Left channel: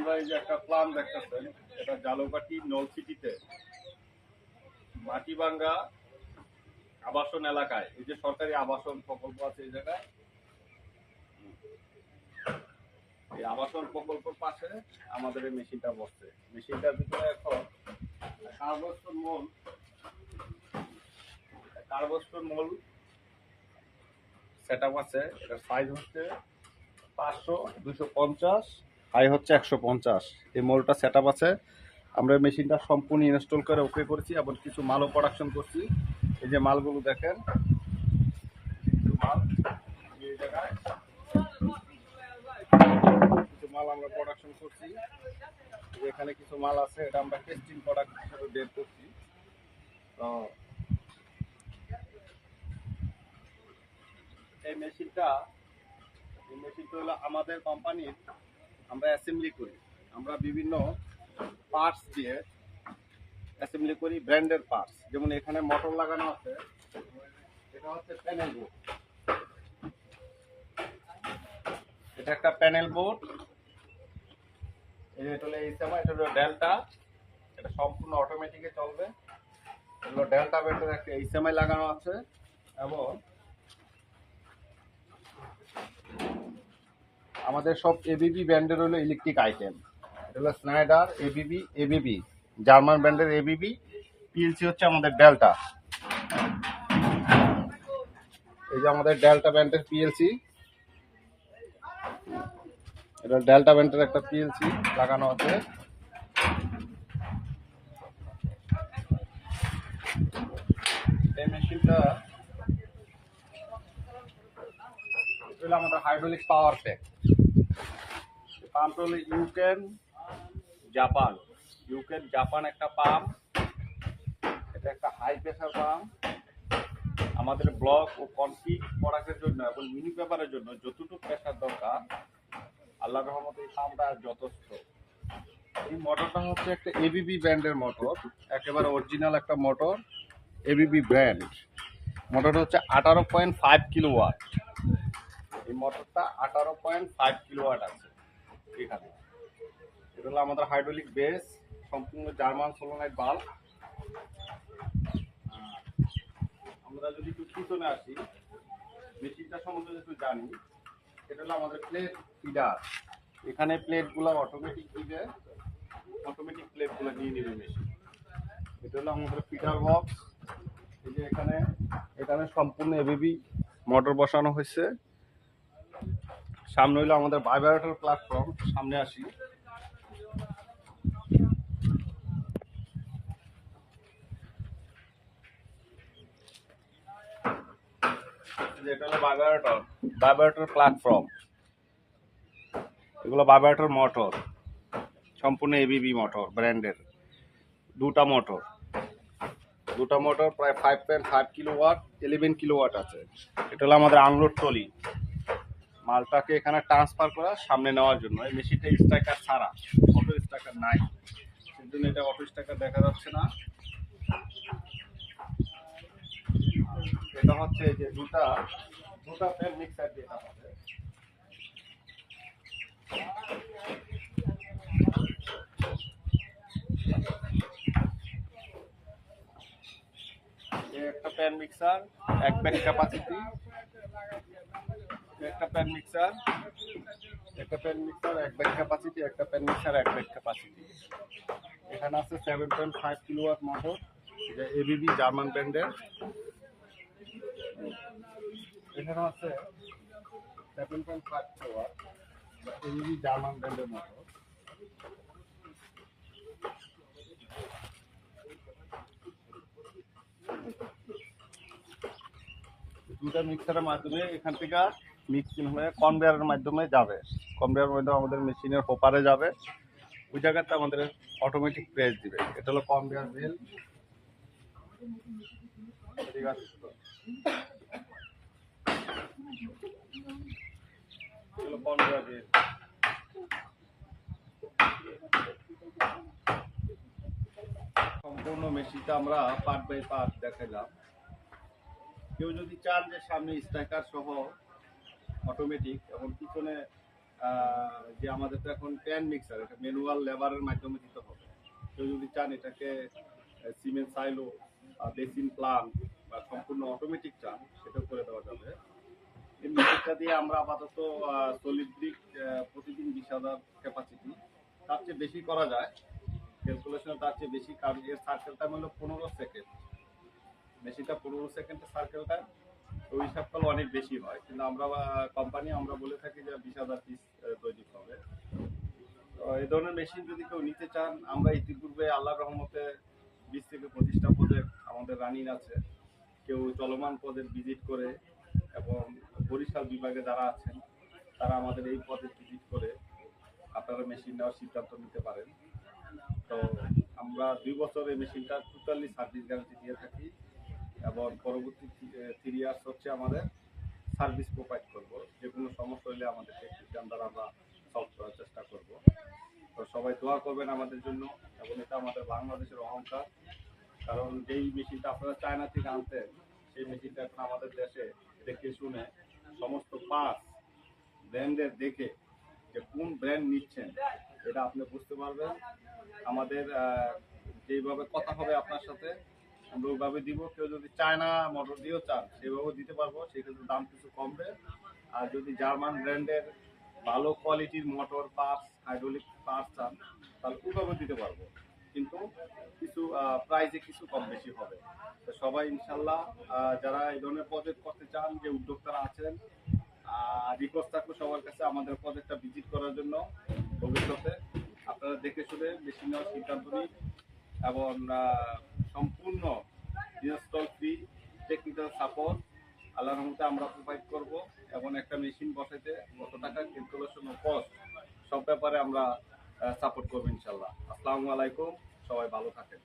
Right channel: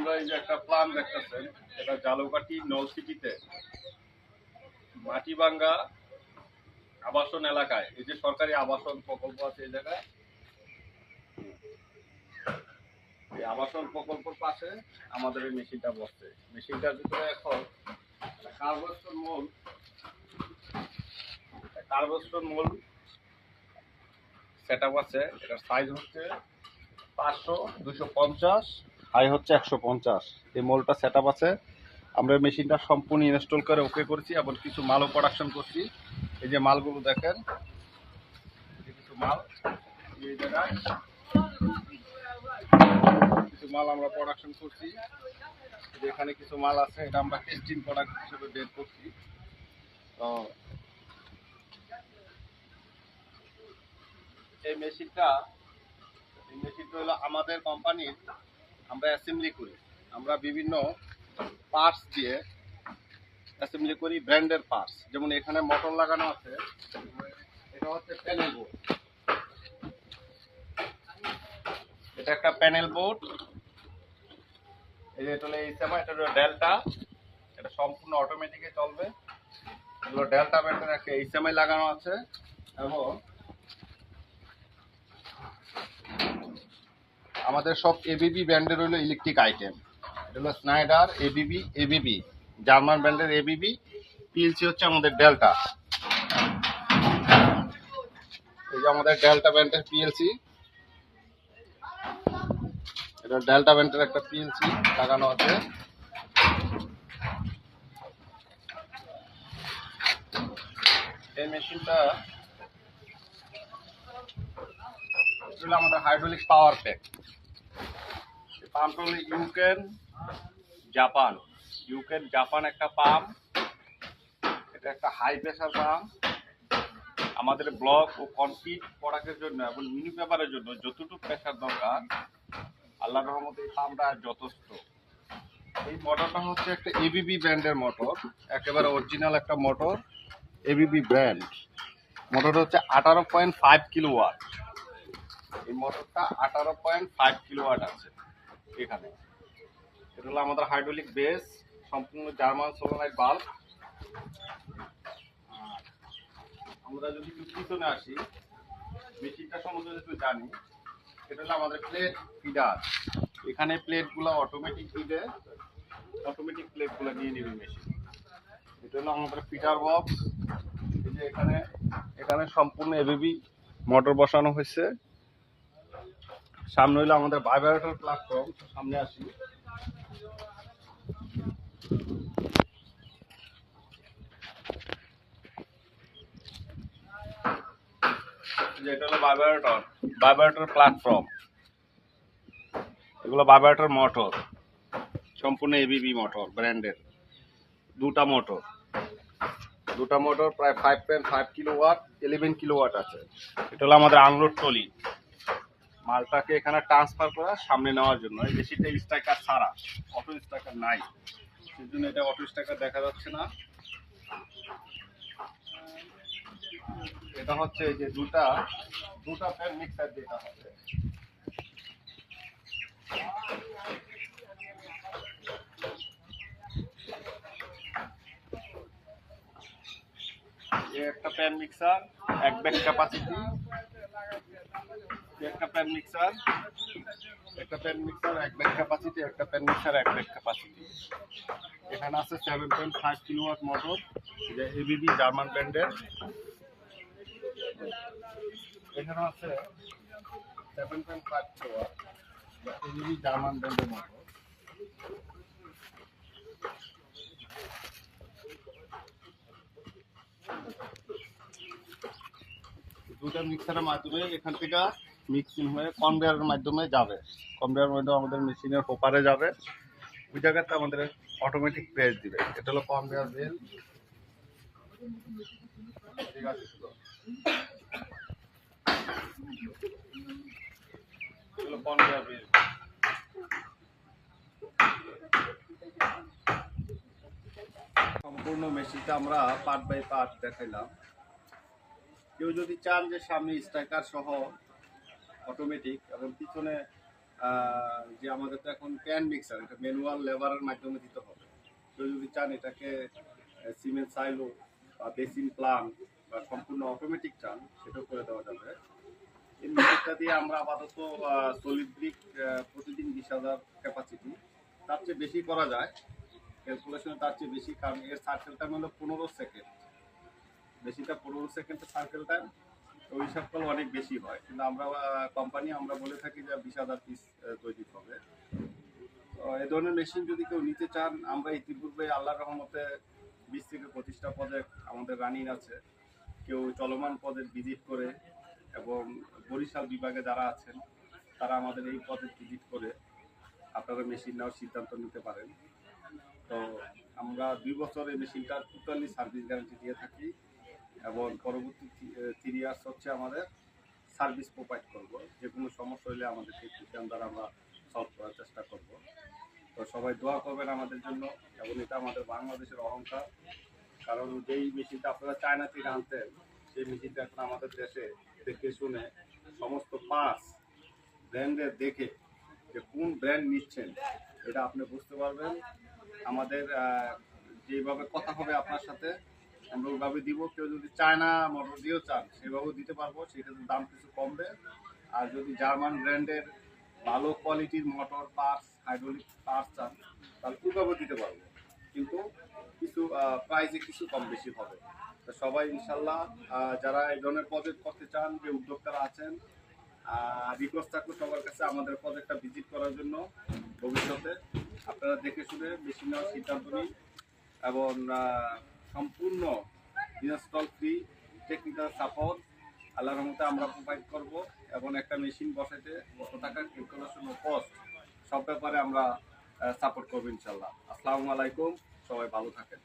আমরা এই যে একটা প্ল্যান দেখতেছেন, এটা জালুকাঠি নলছিটিতে মাটিভাঙ্গা আবাসন এলাকায়, এই যে সরকারি আবাসন প্রকল্প আছে এই জায়গায়, এই আবাসন প্রকল্পের পাশে আমাদের এই মেশিনটা বসছে। মেশিনটার ভিতরে এখন কার্বস্টোন মোল সেট আপ আছে। এটার সাইজ হচ্ছে 500, 250, হাই হচ্ছে 150। এই মোলটা সেট আপ আছে। আমরা মেশিনটা সম্পূর্ণ ইনস্টল করে ওকে করেছি এবং কিছু মালও প্রোডাকশন করছি। এই যে মালগুলো দেখেন, কিছু মাল এই জায়গায় কিছু মাল আমরা প্রোডাকশন করছি। এখানে কিছু মাল আছে, এটা আমরা টেস্টিং প্রোডাক্ট হিসেবে বের করছি। তো এই মেশিনটা হলো আমাদের কোম্পানির, আমরা অ্যাসেম্বলি করি। আমরা বিভিন্ন পার্টস দিয়ে অ্যাসেম্বলি করি, ব্র্যান্ডের পার্টস। যেমন এখানে মোটর লাগানো আছে, এটা হচ্ছে প্যানেল বোর্ড। এটা একটা প্যানেল বোর্ড। এই যে এটা হলো এইচএমআই, এটা হলো ডেল্টা। এটা সম্পূর্ণ অটোমেটিকে চলবে। এগুলো ডেল্টা ব্র্যান্ডের একটা এইচএমআই লাগানো আছে। এবং আমাদের সব এবিবি ব্র্যান্ডের হলো ইলেকট্রিক আইটেম। এটা হলো স্নাইডার, এবিবি জার্মান ব্র্যান্ডের এবিবি। পিএলসি হচ্ছে আমাদের ডেল্টা। এই যে আমাদের ডেল্টা ব্র্যান্ডের পিএলসি, এটা ডেল্টা ব্র্যান্ডের একটা পিএলসি লাগানো আছে। এই মেশিনটা হলো আমাদের হাইড্রোলিক পাওয়ার প্যাক। পাম্পটা হলো জাপান একটা পাম্প। এটা একটা হাই প্রেসার পাম্প। আমাদের ব্লক ও কনক্রিট প্রোডাক্টের জন্য এবং মিনি পেপারের জন্য যতটুকু প্রেসার দরকার, আল্লাহর রহমতে এই পাম্পটা যথেষ্ট। এই মোটরটা হচ্ছে একটা এবিবি ব্র্যান্ডের মোটর, একেবারে অরিজিনাল একটা মোটর, এবিবি ব্র্যান্ড। মোটরটা হচ্ছে 18.5 কিলোওয়াট। এই মোটরটা 18.5 কিলোওয়াট আছে এখানে। এটা হলো আমাদের হাইড্রোলিক বেস, সম্পূর্ণ জার্মান সোলোনাইট বাল্ব। আমরা যদি একটু পিছনে আসি, মেশিনটা সম্বন্ধে একটু জানি। এটা হলো আমাদের প্লেট ফিডার। এখানে প্লেটগুলো অটোমেটিক ফিডে, অটোমেটিক প্লেটগুলো নিয়ে নেবে মেশিন। এটা হলো আমাদের ফিডার বক্স। এই যে এখানে সম্পূর্ণ এবিবি মোটর বসানো হয়েছে। সামনে হলো আমাদের ভাইব্রেটর প্ল্যাটফর্ম। সামনে আসি, এটা হলো ভাইব্রেটর প্ল্যাটফর্ম। এগুলো ভাইব্রেটর মোটর, সম্পূর্ণ এবিবি মোটর ব্র্যান্ডের। দুটা মোটর প্রায় 5.5 কিলোওয়াট, 11 কিলোওয়াট আছে। এটা হলো আমাদের আনলোড ট্রলি, মালটাকে এখানে ট্রান্সফার করা সামনে নেওয়ার জন্য। এই মেশিনটা স্ট্রাইকার ছাড়া, অটো স্ট্রাইকার নাই, সেই জন্য এটা অটো স্ট্রাইকার দেখা যাচ্ছে না। এটা হচ্ছে এই যে দুটা ফ্যান মিক্সার যেটা হবে, একটা প্যান মিক্সার, এক ব্যাগ ক্যাপাসিটি, একটা প্যান মিক্সার, এক ব্যাগ ক্যাপাসিটি, একটা প্যান মিক্সার, এক ব্যাগ ক্যাপাসিটি। এখানে আছে 7.5 কিলোওয়াট মোটর, যে এবিবি জার্মান ব্র্যান্ডের। এখানে আছে 7.5 কিলোওয়াট এবিবি জার্মান ব্র্যান্ডের মোটর। দুটা মিক্সারের মাধ্যমে এখান থেকে মিক্সিং হয়ে কনভেয়ারের মাধ্যমে যাবে। কনভেয়ারের মাধ্যমে আমাদের মেশিনের হোপারে যাবে। ওই জায়গাতে আমাদের অটোমেটিক প্রেস দিবে। এটা হলো কনভেয়ার বেল্ট। ঠিক আছে, এগুলো কনভেয়ার বেল্ট। সম্পূর্ণ মেশিনটা আমরা পার্ট বাই পার্ট দেখাইলাম। কেউ যদি চান যে সামনে স্ট্রাইকার সহ অটোমেটিক এবং পিছনে যে আমাদের তো এখন প্যান মিক্সার, এটা ম্যানুয়াল লেবারের মাধ্যমে দিতে হবে। কেউ যদি চান এটাকে সিমেন্ট সাইলো বা বেসিন প্লান বা সম্পূর্ণ অটোমেটিক চান, সেটাও করে দেওয়া যাবে। এই মেশিনটা দিয়ে আমরা আপাতত সলিড ব্রিক প্রতিদিন 20,000 ক্যাপাসিটি, তার চেয়ে বেশি করা যায়, ক্যালকুলেশনে তার চেয়ে বেশি, কারণ এর সার্কেল টাইম হলো 15 সেকেন্ড। মেশিনটা 15 সেকেন্ডের সার্কেল টাইম, ওই হিসাব করলে অনেক বেশি হয়, কিন্তু আমরা কোম্পানি আমরা বলে থাকি যে 20,000 পিস তৈরি হবে। তো এই ধরনের মেশিন যদি কেউ নিতে চান, আমরা ইতিপূর্বে আল্লাহর রহমতে 20 থেকে 25টা প্রজেক্ট আমাদের রানিং আছে। কেউ চলমান পদের ভিজিট করে, এবং বরিশাল বিভাগে যারা আছেন তারা আমাদের এই পদে ভিজিট করে আপনারা মেশিন নেওয়ার সিদ্ধান্ত নিতে পারেন। তো আমরা 2 বছর এই মেশিনটা টোটালি সার্ভিস গ্যারান্টি দিয়ে থাকি, এবং পরবর্তী 3 ইয়ার্স হচ্ছে আমাদের সার্ভিস প্রোভাইড করব। যে কোনো সমস্যা হলে আমাদের টেকনিশিয়ান দ্বারা আমরা সলভ করার চেষ্টা করব। তো সবাই দোয়া করবেন আমাদের জন্য, এবং এটা আমাদের বাংলাদেশের অহংকার। কারণ যেই মেশিনটা আপনারা চায়না থেকে আনতেন, সেই মেশিনটা এখন আমাদের দেশে দেখে শুনে সমস্ত পার্টস ব্র্যান্ডের দেখে যে কোন ব্র্যান্ড নিচ্ছেন এটা আপনি বুঝতে পারবেন। আমাদের যেইভাবে কথা হবে আপনার সাথে, আমরা ওইভাবে দিব। কেউ যদি চায়না মোটর দিয়েও চান, সেভাবেও দিতে পারবো, সেক্ষেত্রে দাম কিছু কমবে। আর যদি জার্মান ব্র্যান্ডের ভালো কোয়ালিটির মোটর পার্টস, হাইড্রোলিক পার্টস চান, তাহলে ওইভাবেও দিতে পারবো, কিন্তু কিছু প্রাইসে কিছু কম বেশি হবে। তো সবাই ইনশাল্লাহ যারা এই ধরনের প্রজেক্ট করতে চান, যে উদ্যোক্তারা আছেন, রিকোয়েস্ট থাকলো সবার কাছে আমাদের প্রজেক্টটা ভিজিট করার জন্য। ভবিষ্যতে আপনারা দেখে শুনে বেশি নেওয়ার সিদ্ধান্ত নিন, এবং সম্পূর্ণ ইনস্টল ফ্রি টেকনিক্যাল সাপোর্ট আল্লাহর রহমতে আমরা প্রোভাইড করব, এবং একটা মেশিন বসাইতে কত টাকা ক্যালকুলেশন ও কস্ট সব ব্যাপারে আমরা সাপোর্ট করবো ইনশাল্লাহ। আসসালামু আলাইকুম, সবাই ভালো থাকেন।